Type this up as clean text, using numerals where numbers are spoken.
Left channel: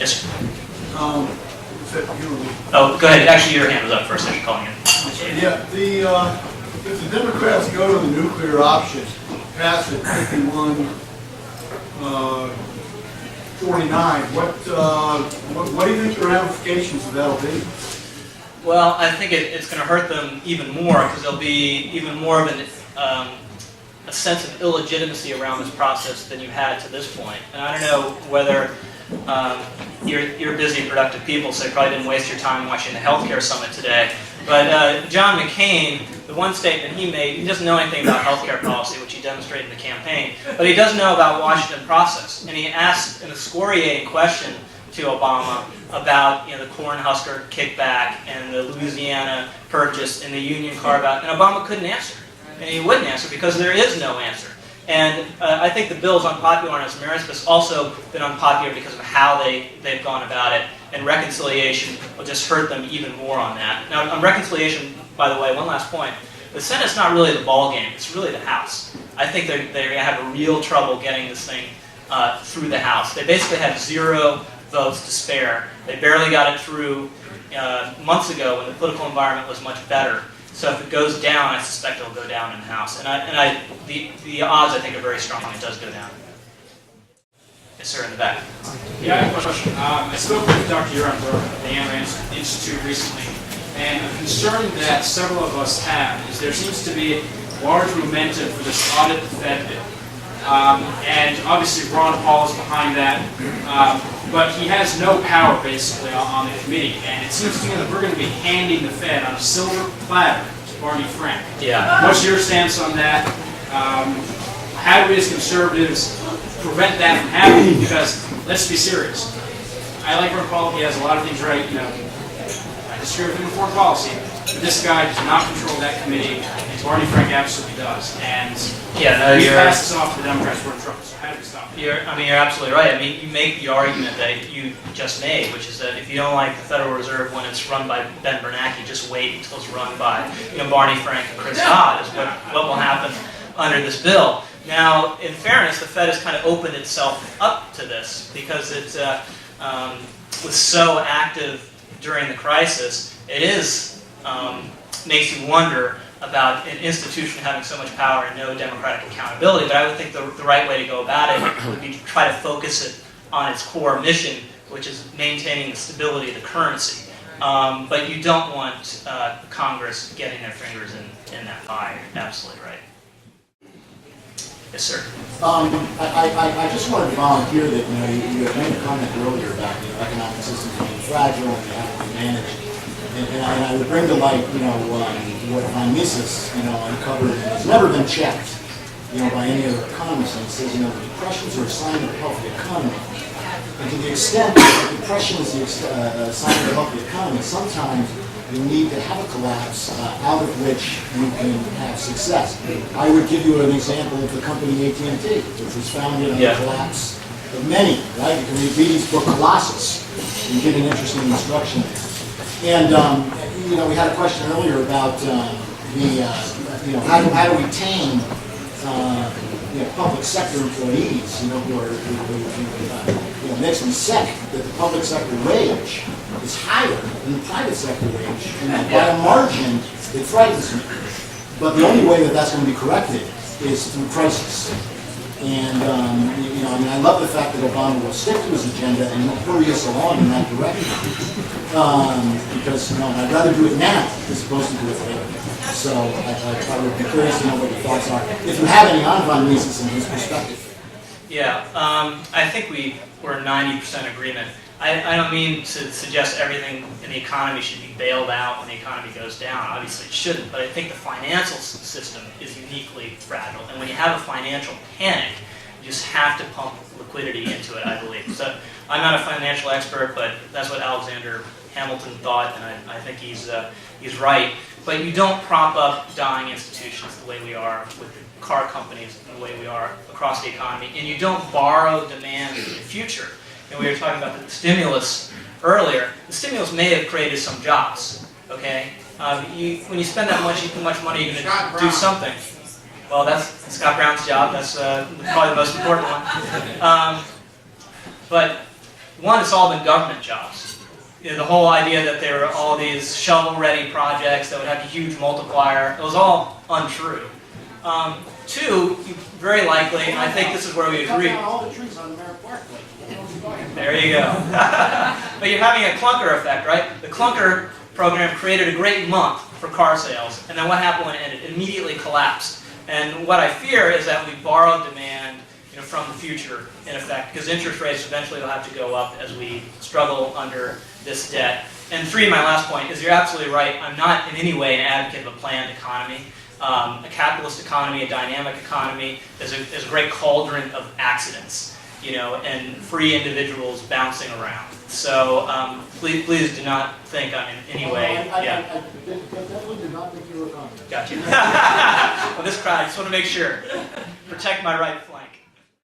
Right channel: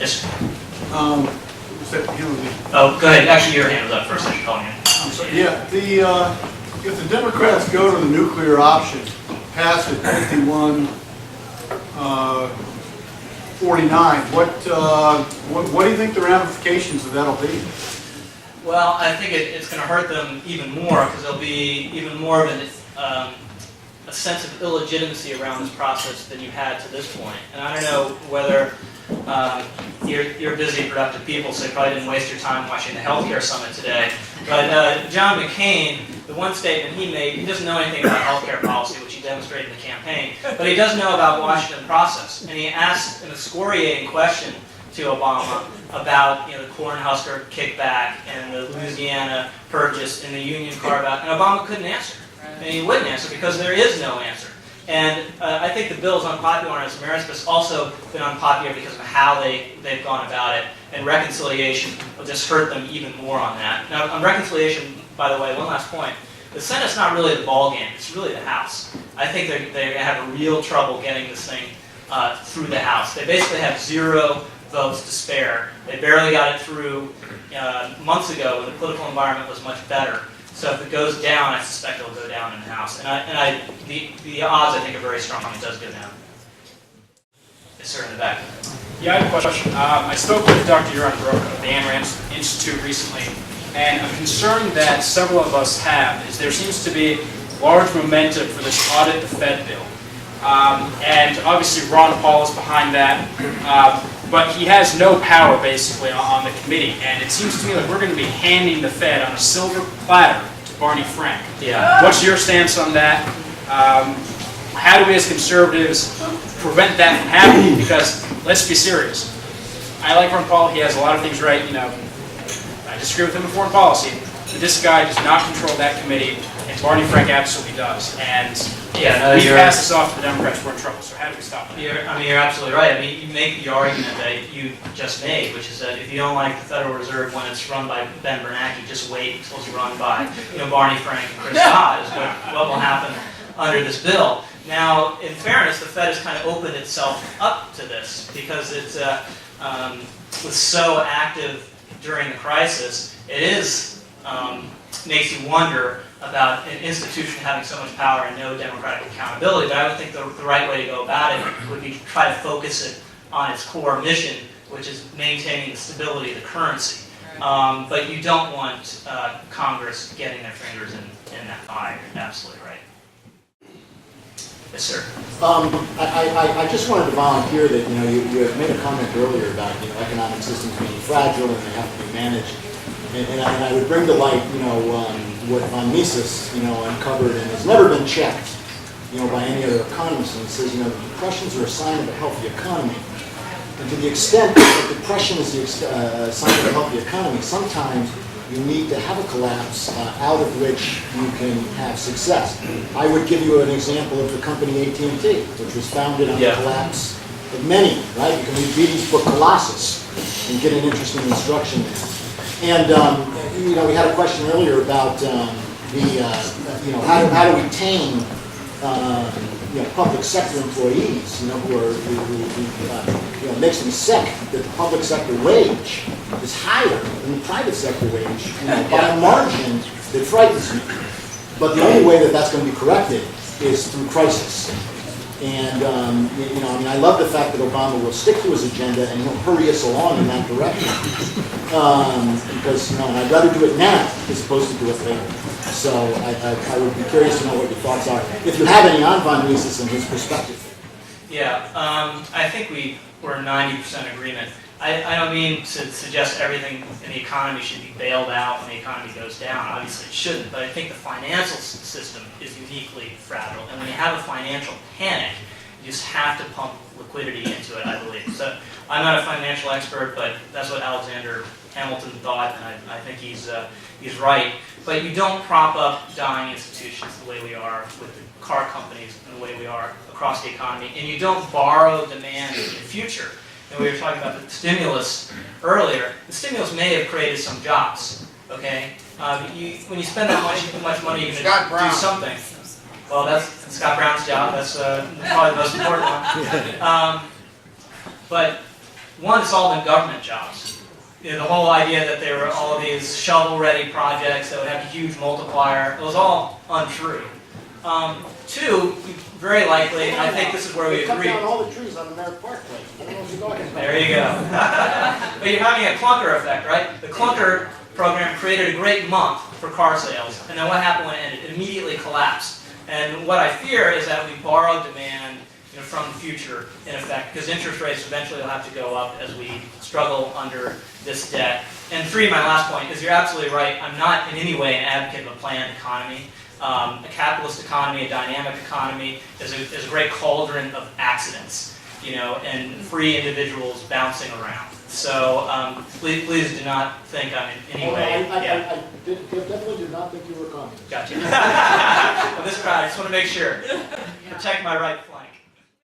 Yes, sir. You Oh, go ahead. Actually, your hand was up first. I should call you. yeah, if the Democrats go to the nuclear option, pass it 51 49, what do you think the ramifications of that'll be? Well, I think it's going to hurt them even more because there'll be even more of a sense of illegitimacy around this process than you had to this point. And I don't know whether you're busy and productive people, so you probably didn't waste your time watching the healthcare summit today. But John McCain, the one statement he made, he doesn't know anything about healthcare policy, which he demonstrated in the campaign, but he does know about Washington process. And he asked an excoriating question to Obama about the Cornhusker kickback and the Louisiana purchase and the union carve-out, and Obama couldn't answer. And he wouldn't answer because there is no answer. And I think the bill is unpopular on its merits, but it's also been unpopular because of how they've gone about it. And reconciliation will just hurt them even more on that. Now, on reconciliation, by the way, one last point. The Senate's not really the ballgame. It's really the House. I think they have a real trouble getting this thing through the House. They basically have 0 votes to spare. They barely got it through months ago when the political environment was much better. So if it goes down, I suspect it'll go down in the House. And the odds, I think, are very strong it does go down. Yes, sir, in the back. Yeah, I have a question. I spoke with Dr. Euron Brook of the Ayn Rand Institute recently, and a concern that several of us have is there seems to be large momentum for this Audit the Fed bill. And obviously Ron Paul is behind that, but he has no power basically on the committee, and it seems to me that we're going to be handing the Fed on a silver platter to Barney Frank. Yeah. What's your stance on that? How do we as conservatives prevent that from happening? Because let's be serious. I like Ron Paul, he has a lot of things right, I disagree with him in foreign policy, but this guy does not control that committee, and Barney Frank absolutely does. And yeah, no, we pass this off to the Democrats, we're in trouble. So how do we stop it? You're absolutely right. I mean, you make the argument that you just made, which is that if you don't like the Federal Reserve when it's run by Ben Bernanke, just wait until it's run by Barney Frank and Chris Dodd is what will happen under this bill. Now, in fairness, the Fed has kind of opened itself up to this because it was so active during the crisis. It makes you wonder about an institution having so much power and no democratic accountability. But I would think the right way to go about it would be to try to focus it on its core mission, which is maintaining the stability of the currency. But you don't want Congress getting their fingers in that pie. You're absolutely right. Yes, sir. I just wanted to volunteer that you made a comment earlier about economic systems being fragile and they have to be managed, and I would bring to light what Von Mises uncovered and has never been checked by any other economist. And it says the depressions are a sign of a healthy economy, and to the extent that depression is the sign of a healthy economy, sometimes you need to have a collapse out of which you can have success. I would give you an example of the company AT&T, which was founded on the collapse of many, right? You can read Beatty's book Colossus and get an interesting instruction there. And we had a question earlier about how to retain public sector employees, who makes me sick that the public sector wage is higher than the private sector wage, and by a margin that frightens me. But the only way that that's going to be corrected is through crisis. And I love the fact that Obama will stick to his agenda and hurry us along in that direction. Because I'd rather do it now as opposed to do it later. So I would be curious to know what your thoughts are, if you have any on Von Mises and his perspective. Yeah, I think we're 90% agreement. I don't mean to suggest everything in the economy should be bailed out when the economy goes down. Obviously it shouldn't, but I think the financial system is uniquely fragile. And when you have a financial panic, you just have to pump liquidity into it, I believe. So I'm not a financial expert, but that's what Alexander Hamilton thought, and I think he's right. But you don't prop up dying institutions the way we are with the car companies and the way we are across the economy, and you don't borrow demand in the future. And we were talking about the stimulus earlier. The stimulus may have created some jobs, okay? When you spend that much money, you're going to do something. Well, that's Scott Brown's job. That's probably the most important one. But one, it's all been government jobs. You know, the whole idea that there were all these shovel-ready projects that would have a huge multiplier, it was all untrue. Two, very likely, and I think this is where we agree. Cut down all the trees on Merritt Parkway. I don't know what you're talking about. There you go. But you're having a clunker effect, right? The clunker program created a great month for car sales, and then what happened when it ended? It immediately collapsed. And what I fear is that we borrow demand, you know, from the future, in effect, because interest rates eventually will have to go up as we struggle under this debt. And three, my last point, is you're absolutely right. I'm not in any way an advocate of a planned economy. A capitalist economy, a dynamic economy, is a great cauldron of accidents, you know, and free individuals bouncing around. So please do not think I'm in any way. I definitely did not think you were coming. Gotcha. Well, this crowd, I just want to make sure. Protect my right flank.